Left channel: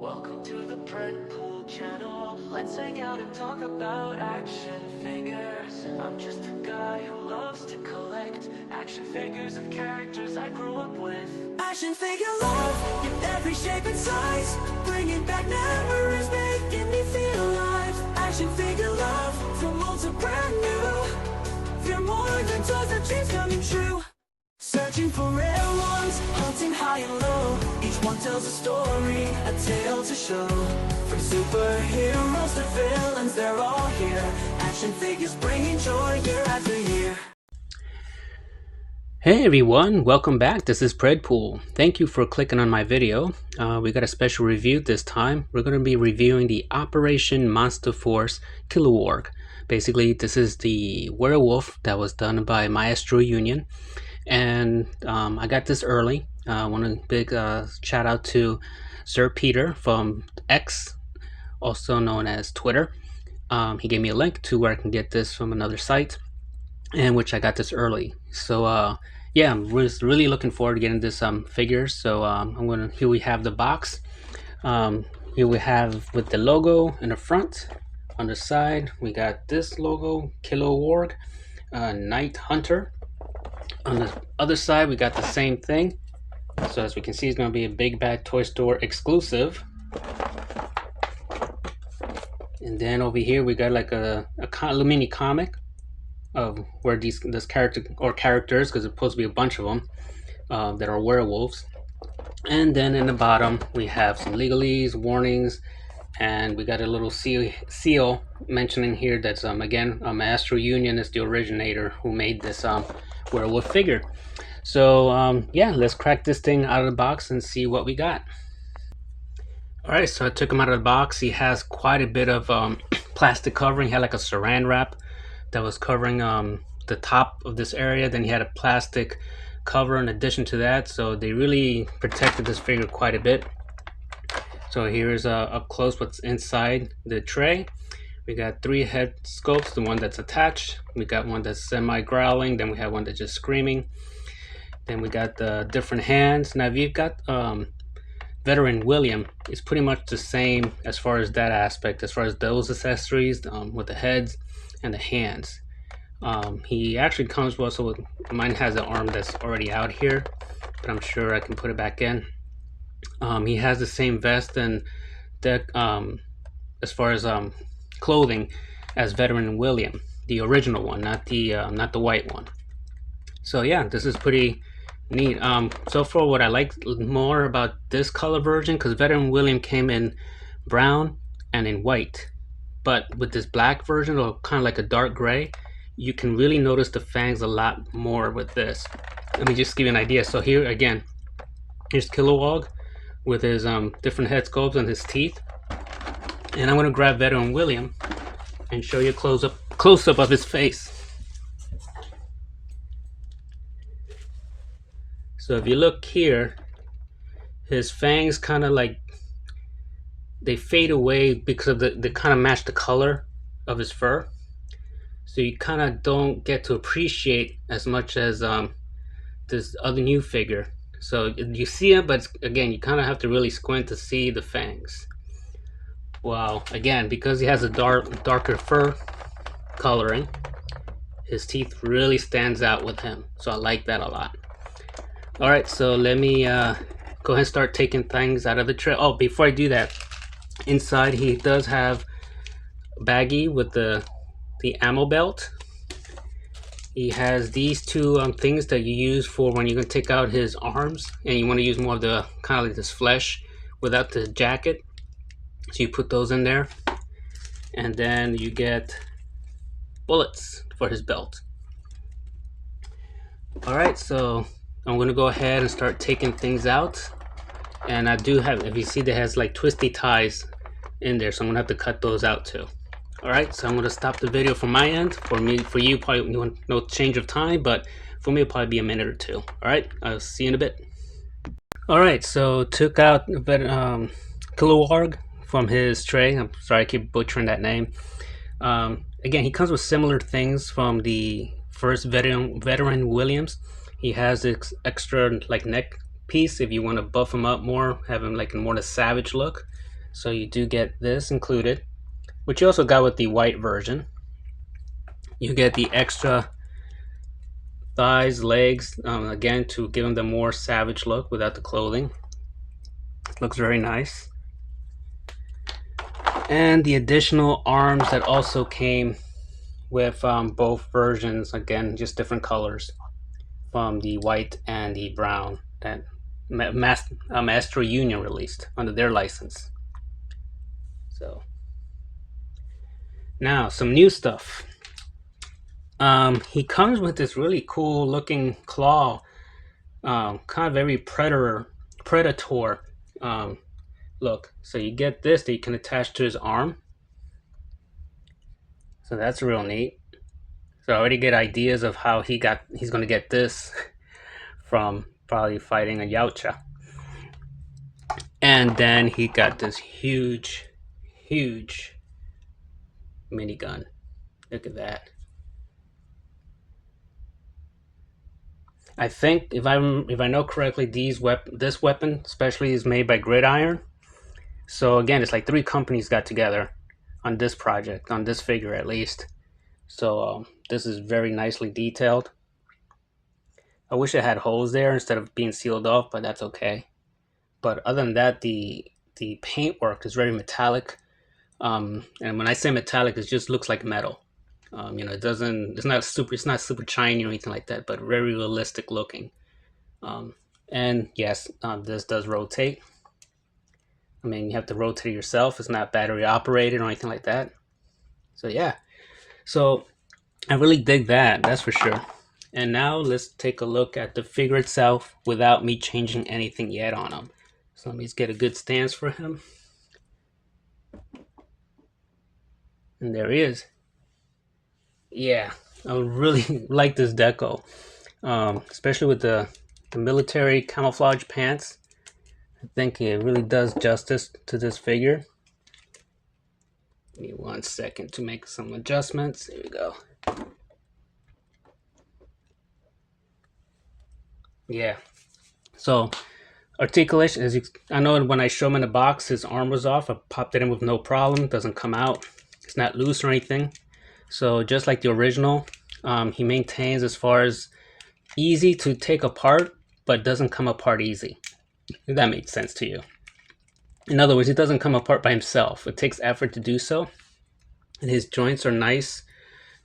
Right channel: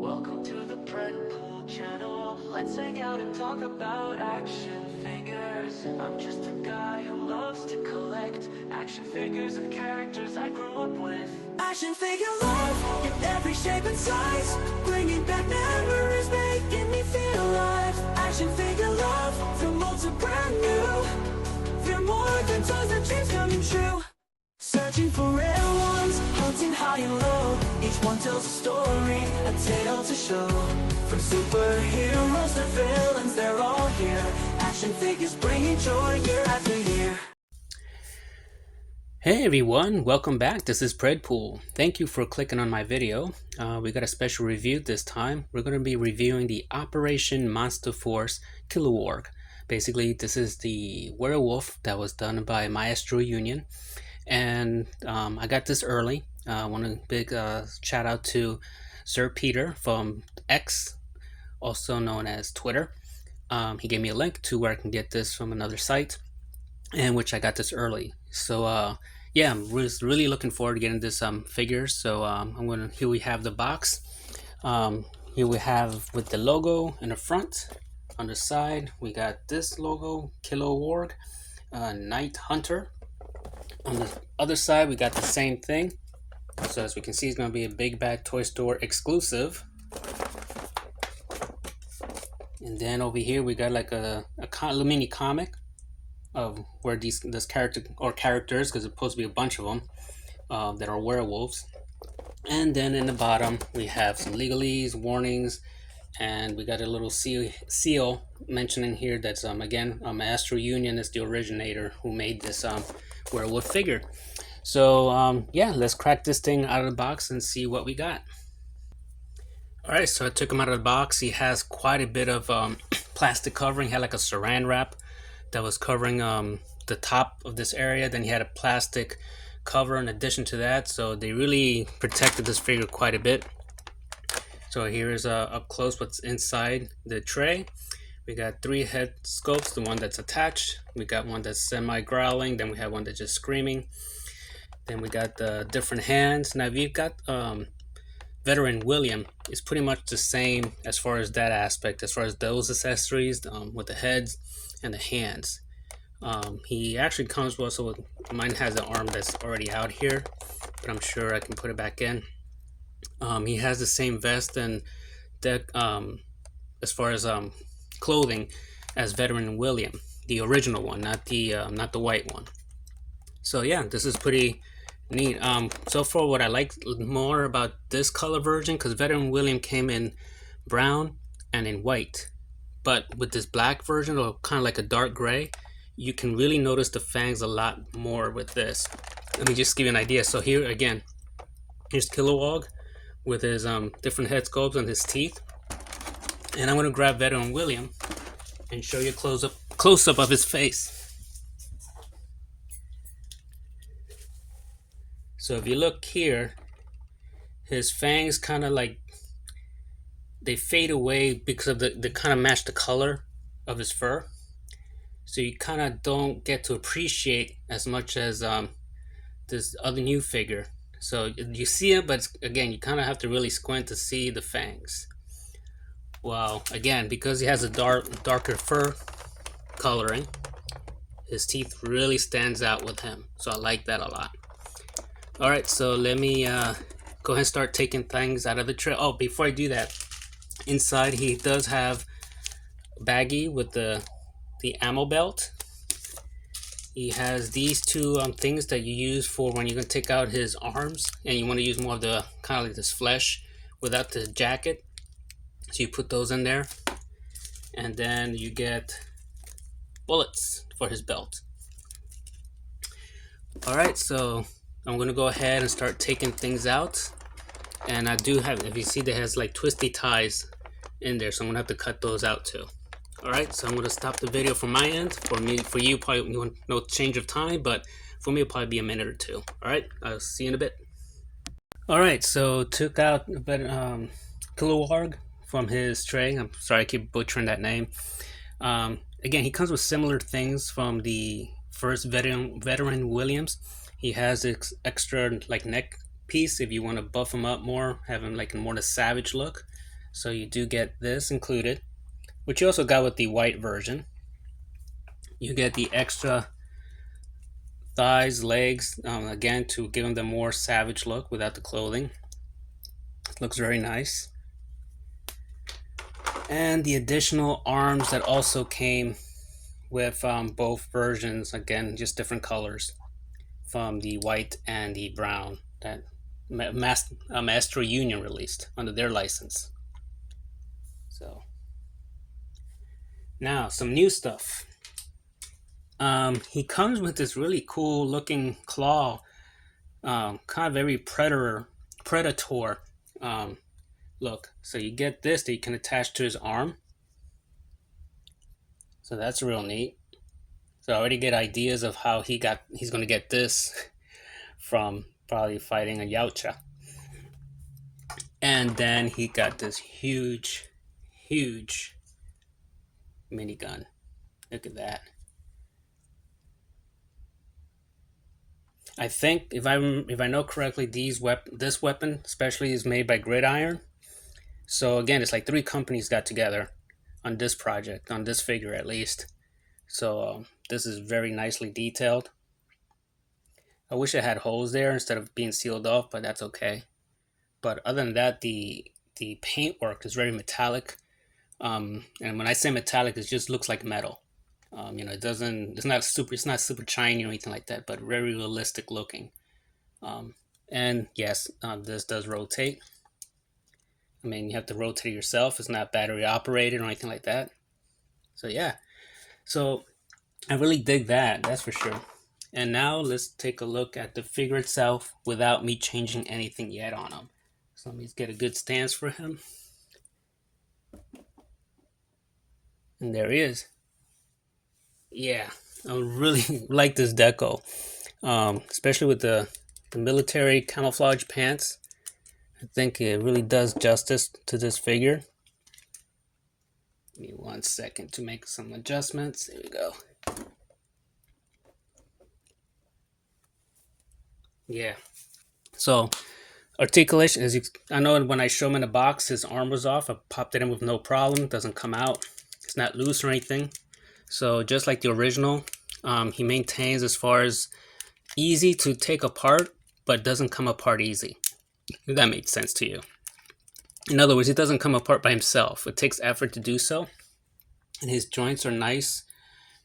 Welcome to the Predpool channel. Let's hang out and talk about action figures. I'm just a guy who loves to collect action figures of characters I grew up with. Action figure love in every shape and size, bringing back memories, making me feel alive. Action figure love from old to brand new. They're more than toys, our dreams coming true. Searching for rare ones, hunting high and low. Each one tells a story, a tale to show. From superheroes to villains, they're all here. Action figures bringing joy year after year. Hey everyone, welcome back. This is Predpool. Thank you for clicking on my video. We got a special review this time. We're going to be reviewing the Operation Monster Force Kiloworg. Basically, this is the werewolf that was done by Maestro Union. And I got this early. I want a big shout out to Sir Peter from X, also known as Twitter. He gave me a link to where I can get this from another site, and which I got this early. So yeah, I'm really looking forward to getting this figure. So here we have the box. Here we have with the logo in the front. On the side we got this logo, Kiloworg, Night Hunter. On the other side we got the same thing. So as we can see, it's going to be a Big Bad Toy Store exclusive. And then over here we got like a mini comic of where this characters, because it's supposed to be a bunch of them that are werewolves. And then in the bottom we have some legalese, warnings, and we got a little seal mentioning here that's again Maestro Union is the originator who made this werewolf figure. So yeah, let's crack this thing out of the box and see what we got. Alright, so I took him out of the box. He has quite a bit of plastic covering. He had like a saran wrap that was covering the top of this area. Then he had a plastic cover in addition to that, so they really protected this figure quite a bit. So here's up close what's inside the tray. We got 3 head sculpts, the one that's attached. We got one that's semi-growling. Then we have one that's just screaming. Then we got the different hands. Now if you've got Veteran William, it's pretty much the same as far as that aspect, as far as those accessories with the heads and the hands. He actually comes also with, mine has an arm that's already out here, but I'm sure I can put it back in. He has the same vest and deck as far as clothing as Veteran William, the original one, not the white one. So yeah, this is pretty neat. So far what I like more about this color version, because Veteran William came in brown and in white, but with this black version, or kind of like a dark gray, you can really notice the fangs a lot more with this. Let me just give you an idea. So here again, here's Kiloworg with his different head sculpts and his teeth. And I'm going to grab Veteran William and show you a close-up of his face. So if you look here, his fangs kind of like, they fade away because of they kind of match the color of his fur. So you kind of don't get to appreciate as much as this other new figure. So you see it, but again, you kind of have to really squint to see the fangs. Well, again, because he has a darker fur coloring, his teeth really stands out with him. So I like that a lot. Alright, so let me go ahead and start taking things out of the tray. Oh, before I do that, inside he does have a baggie with the ammo belt. He has these 2 things that you use for when you're going to take out his arms and you want to use more of the kind of like this flesh without the jacket. So you put those in there, and then you get bullets for his belt. Alright, so I'm going to go ahead and start taking things out. And I do have, if you see, there has like twisty ties in there, so I'm going to have to cut those out too. Alright, so I'm going to stop the video from my end. For you, probably no change of time, but for me it'll probably be a minute or 2. Alright, I'll see you in a bit. Alright, so took out a bit Kiloworg from his tray. I'm sorry I keep butchering that name. Again, he comes with similar things from the first Veteran Williams. He has this extra like neck piece if you want to buff him up more, have him like more of a savage look. So you do get this included, which you also got with the white version. You get the extra thighs, legs, again to give them the more savage look without the clothing. It looks very nice. And the additional arms that also came with both versions, again, just different colors from the white and the brown that Master Union released under their license. So now some new stuff. He comes with this really cool looking claw, kind of very predator look. So you get this that you can attach to his arm. So that's real neat. So I already get ideas of how he's gonna get this from probably fighting a Yautja. And then he got this huge minigun. Look at that. I think if I know correctly, this weapon especially is made by Gridiron. So again, it's like 3 companies got together on this project, on this figure at least. So this is very nicely detailed. I wish it had holes there instead of being sealed off, but that's okay. But other than that, the paintwork is very metallic. And when I say metallic, it just looks like metal. It's not super shiny or anything like that, but very realistic looking. And yes, this does rotate. I mean, you have to rotate it yourself. It's not battery operated or anything like that. So yeah, so I really dig that. That's for sure. And now let's take a look at the figure itself without me changing anything yet on him. So let me just get a good stance for him. And there he is. Yeah, I really like this deco, especially with the military camouflage pants. I think it really does justice to this figure. Give me 1 second to make some adjustments. There we go. Yeah. So articulation, I know when I show him in the box, his arm was off. I popped it in with no problem. Doesn't come out. It's not loose or anything. So just like the original, he maintains as far as easy to take apart, but doesn't come apart easy. If that makes sense to you. In other words, it doesn't come apart by himself. It takes effort to do so. And his joints are nice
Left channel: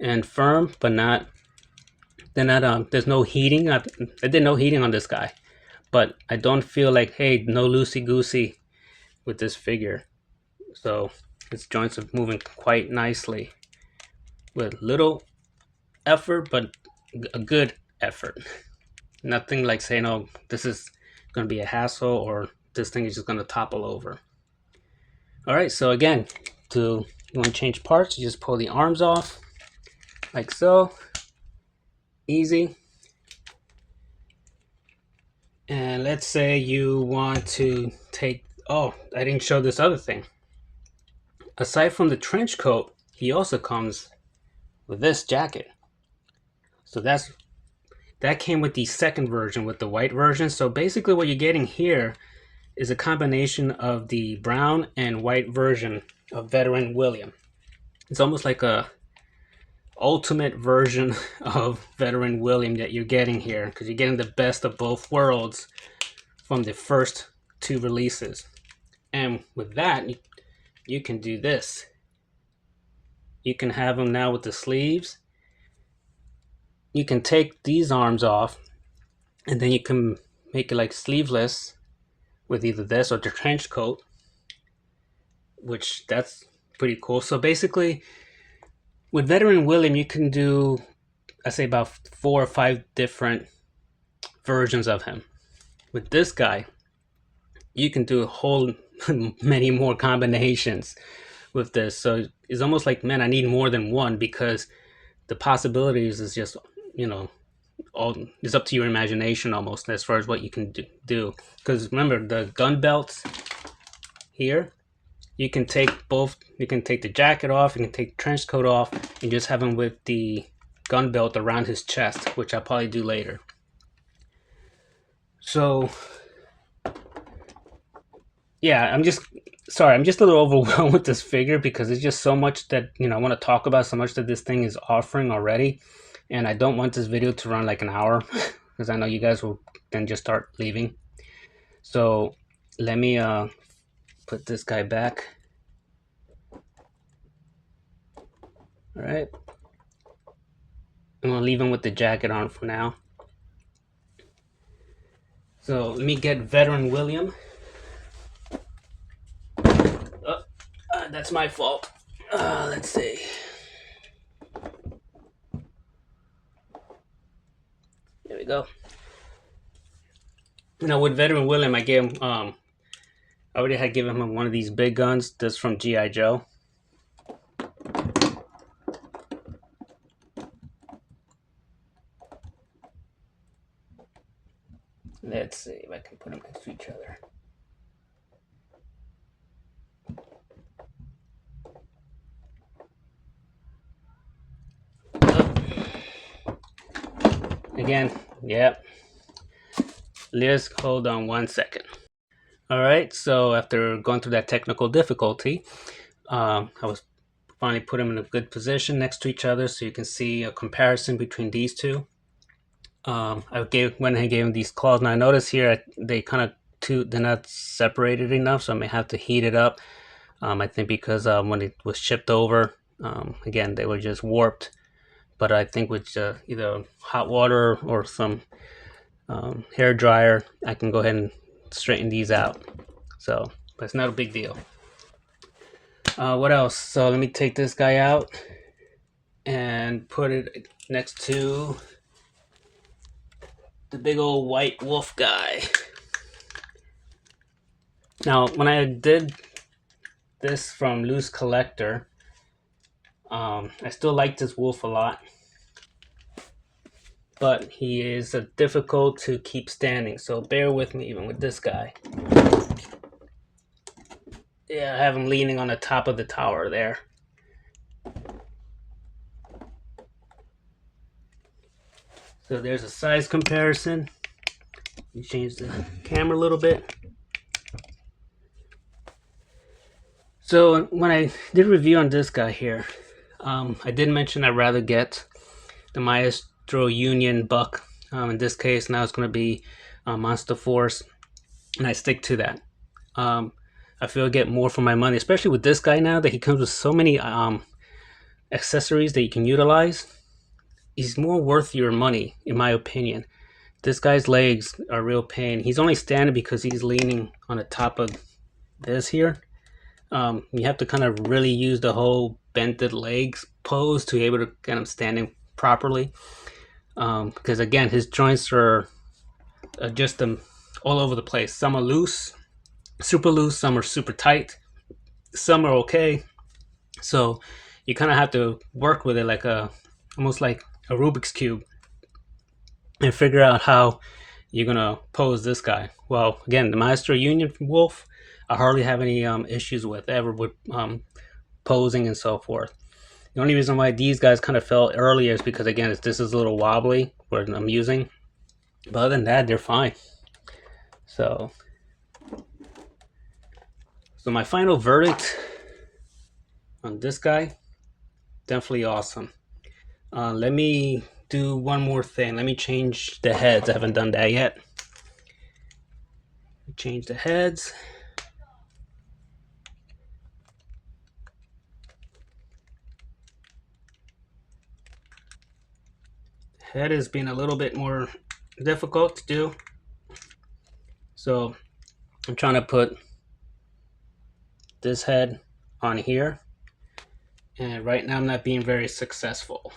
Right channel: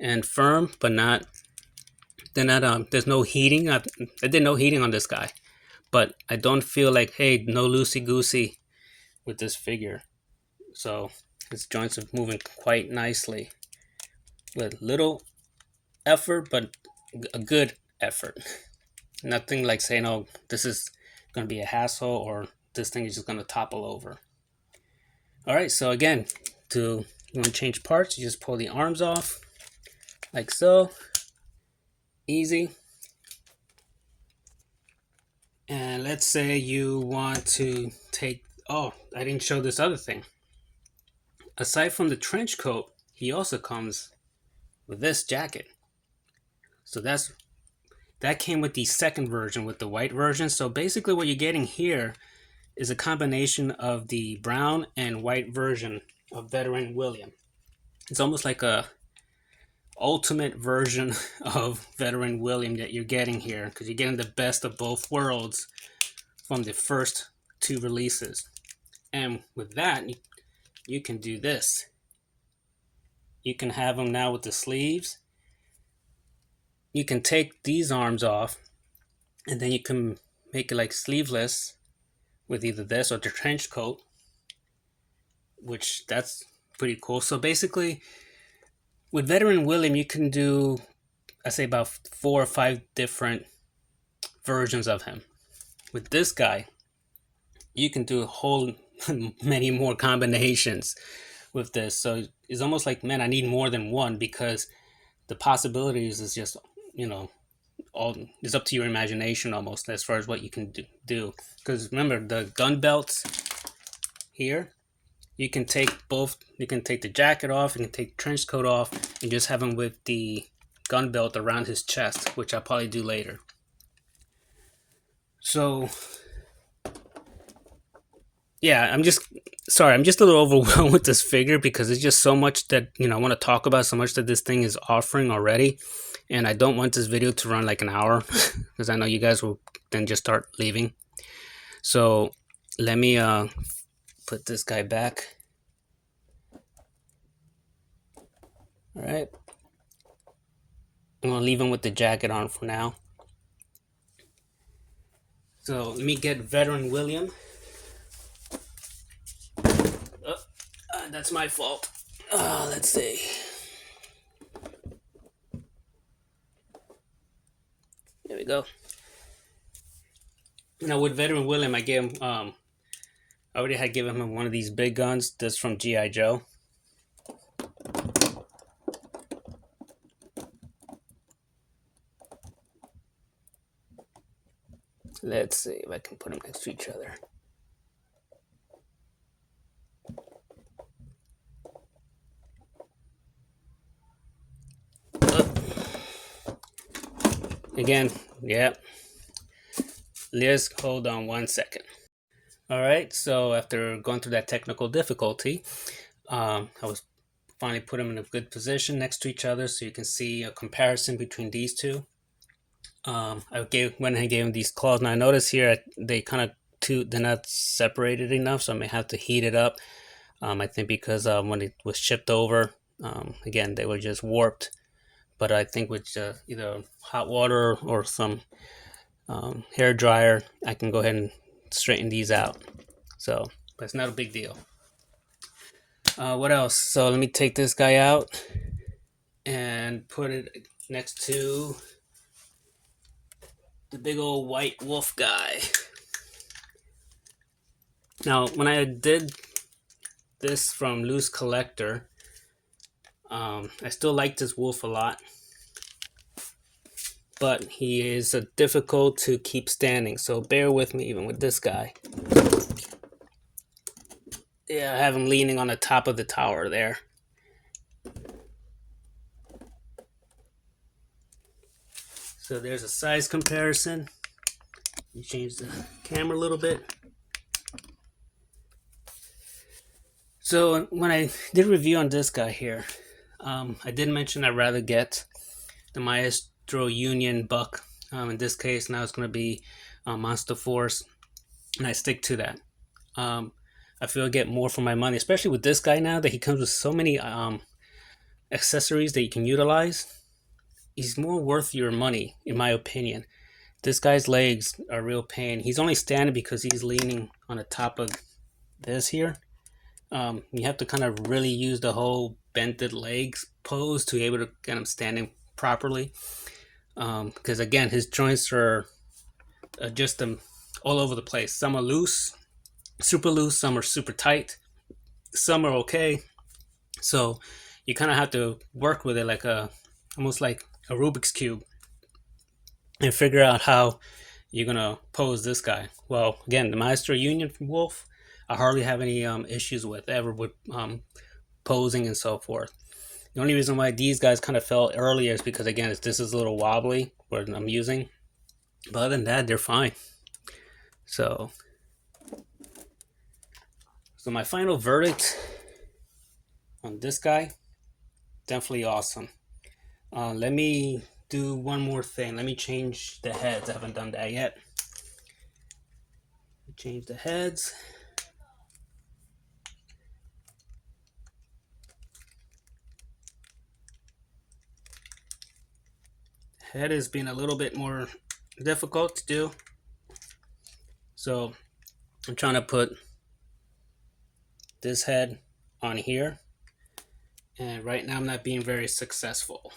and firm, but there's no heating. I did no heating on this guy. But I don't feel like, hey, no loosey-goosey with this figure. So his joints are moving quite nicely with little effort, but a good effort. Nothing like saying, oh, this is going to be a hassle or this thing is just going to topple over. All right, so again, you want to change parts, you just pull the arms off like so. Easy. And let's say you want to take, oh, I didn't show this other thing. Aside from the trench coat, he also comes with this jacket. So that came with the second version, with the white version. So basically what you're getting here is a combination of the brown and white version of Veteran William. It's almost like a ultimate version of Veteran William that you're getting here, because you're getting the best of both worlds from the first 2 releases. And with that, you can do this. You can have them now with the sleeves. You can take these arms off, and then you can make it like sleeveless with either this or the trench coat, which that's pretty cool. So basically, with Veteran William, you can do, I say, about 4 or 5 different versions of him. With this guy, you can do a whole many more combinations with this. So it's almost like, man, I need more than one, because the possibilities is just, all it's up to your imagination almost as far as what you can do. Because remember, the gun belts here, you can take both. You can take the jacket off, you can take the trench coat off, and just have him with the gun belt around his chest, which I'll probably do later. So yeah, I'm just sorry, I'm just a little overwhelmed with this figure because it's just so much that, I want to talk about, so much that this thing is offering already. And I don't want this video to run like an hour because I know you guys will then just start leaving. So let me put this guy back. All right. I'm going to leave him with the jacket on for now. So let me get Veteran William. That's my fault. Let's see. There we go. With Veteran William, I gave him, I already had given him one of these big guns. This from G.I. Joe. Let's see if I can put them next to each other. Again, yep. Let's hold on 1 second. All right, so after going through that technical difficulty, I was finally put them in a good position next to each other so you can see a comparison between these two. I went ahead and gave them these claws. Now I notice here they're not separated enough, so I may have to heat it up. I think because when it was shipped over, again, they were just warped. But I think with either hot water or some hair dryer, I can go ahead and straighten these out. So, but it's not a big deal. What else? So let me take this guy out and put it next to the big old white wolf guy. Now, when I did this from Loose Collector, I still like this wolf a lot, but he is difficult to keep standing, so bear with me even with this guy. Yeah, I have him leaning on the top of the tower there. So there's a size comparison. You change the camera a little bit. So when I did a review on this guy here, I did mention I'd rather get the Maestro Union Buck. In this case, now it's going to be Monster Force, and I stick to that. I feel I get more for my money, especially with this guy now that he comes with so many accessories that you can utilize. He's more worth your money, in my opinion. This guy's legs are a real pain. He's only standing because he's leaning on the top of this here. You have to kind of really use the whole bented legs pose to be able to get him standing properly. Because again, his joints are just all over the place. Some are loose, super loose. Some are super tight. Some are okay. So you kind of have to work with it like almost like a Rubik's Cube and figure out how you're gonna pose this guy. Well, again, the Maestro Union Wolf, I hardly have any issues with posing and so forth. The only reason why these guys kind of fell earlier is because, again, this is a little wobbly where I'm using. But other than that, they're fine. So my final verdict on this guy, definitely awesome. Let me do one more thing. Let me change the heads. I haven't done that yet. Change the heads. Head has been a little bit more difficult to do. So I'm trying to put this head on here. And right now I'm not being very successful.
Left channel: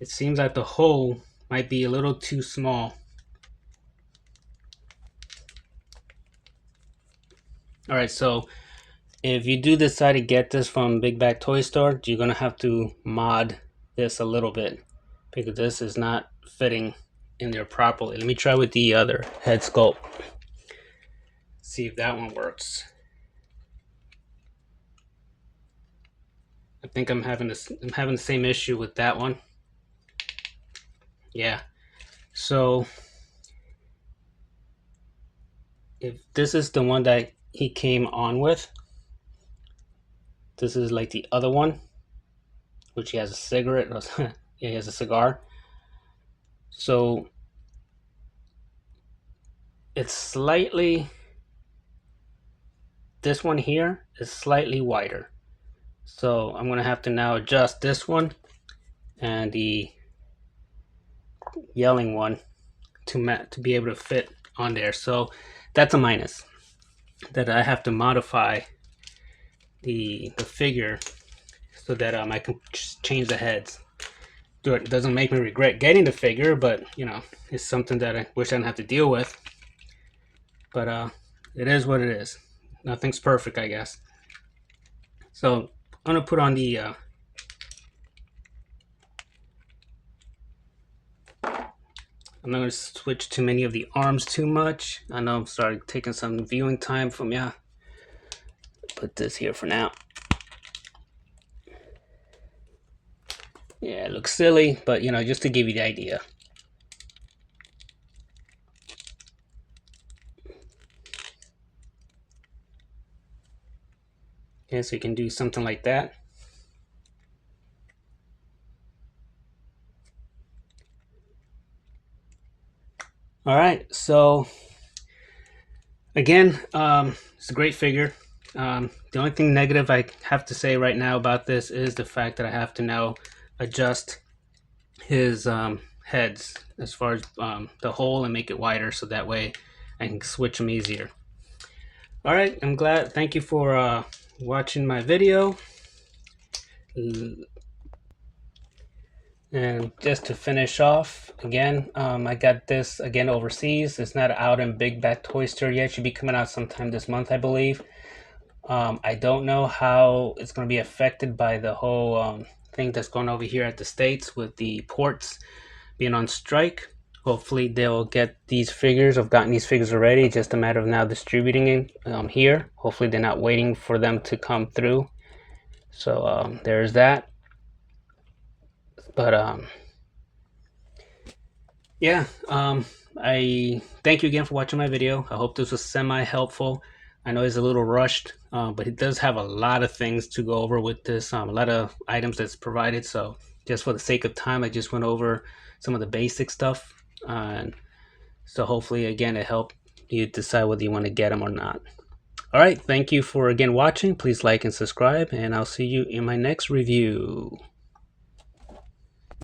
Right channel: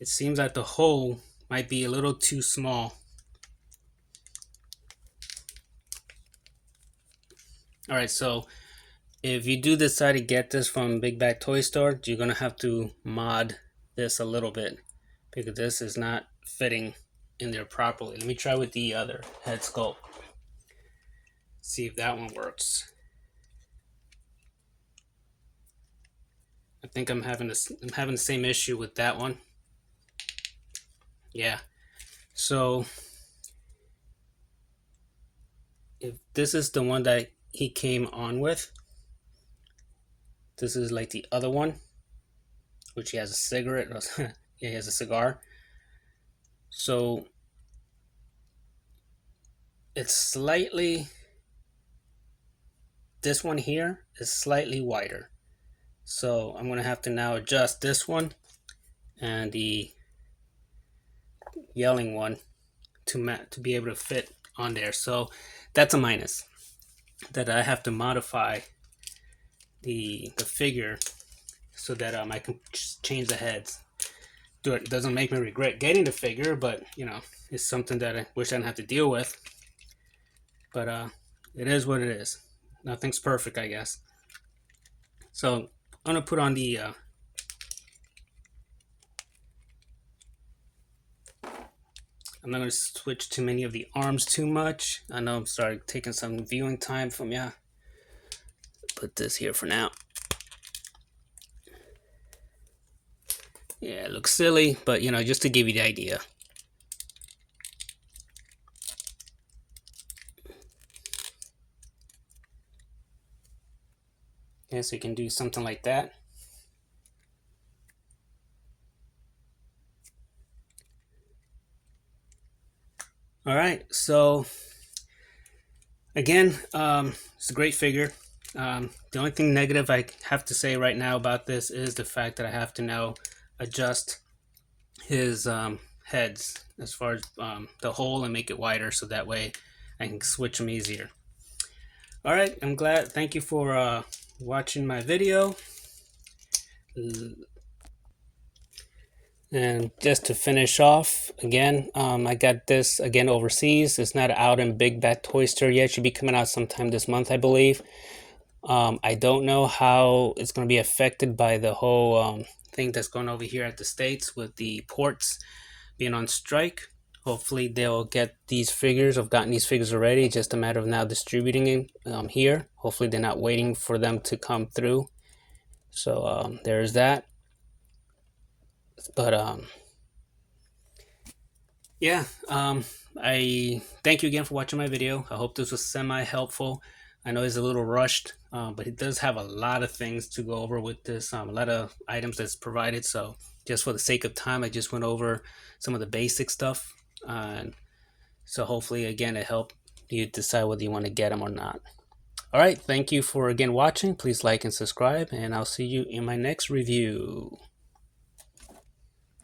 It seems like the hole might be a little too small. Alright, so if you do decide to get this from Big Bag Toy Store, you're going to have to mod this a little bit because this is not fitting in there properly. Let me try with the other head sculpt. See if that one works. I think I'm having the same issue with that one. Yeah. So if this is the one that he came on with. This is like the other one, which he has a cigarette. Yeah, he has a cigar. So it's slightly, this one here is slightly wider. So I'm gonna have to now adjust this one and the yelling one to be able to fit on there. So that's a minus, that I have to modify the figure so that I can change the heads. It doesn't make me regret getting the figure, but you know, it's something that I wish I didn't have to deal with. But it is what it is. Nothing's perfect, I guess. So I'm gonna put on the I'm not going to switch too many of the arms too much. I know I'm starting taking some viewing time from you. Put this here for now. Yeah, it looks silly, but you know, just to give you the idea. Yeah, so you can do something like that. All right, so again, it's a great figure. The only thing negative I have to say right now about this is the fact that I have to now adjust his heads as far as the hole and make it wider, so that way I can switch them easier. All right, I'm glad. Thank you for watching my video. And just to finish off, again, I got this again overseas. It's not out in Big Bad Toy Store yet. It should be coming out sometime this month, I believe. I don't know how it's going to be affected by the whole thing that's going over here at the States with the ports being on strike. Hopefully they'll get these figures. I've gotten these figures already. Just a matter of now distributing it here. Hopefully they're not waiting for them to come through. So there's that. But yeah, I thank you again for watching my video. I hope this was semi-helpful. I know it's a little rushed, but it does have a lot of things to go over with this, a lot of items that's provided. So just for the sake of time, I just went over some of the basic stuff. And so hopefully, again, it helped you decide whether you want to get them or not. All right, thank you for again watching. Please like and subscribe, and I'll see you in my next review.